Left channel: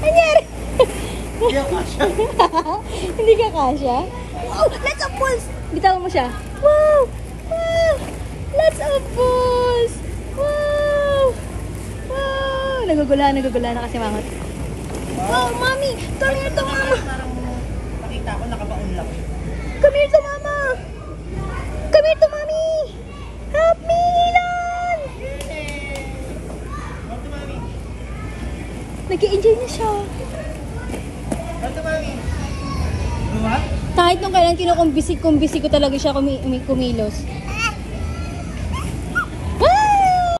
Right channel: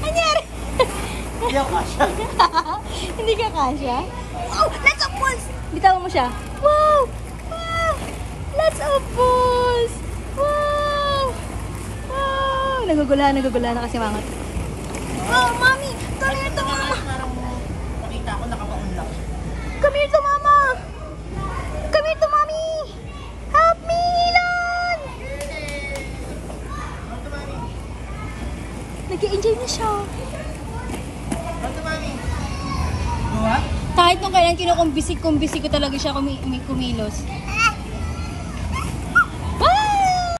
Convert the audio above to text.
Anyari? Hindi ako kasya. Hindi ka kasya? Wow! Let's up balls! Bitawan mo siya. Wow! Wow! Let's up balls! Wow! Wow! Nagugulahan na kasi mangat. Oh, mami! Come here to mama! Parang nakita ko nakabaon lang. Come here to mama! Come here to mommy! Help me, Nilan! Come to mami. Nag-i-enjoy na siya. Come to mami. Buha? Kahit nung kailan kinukumbisi ko talaga siya kumilos.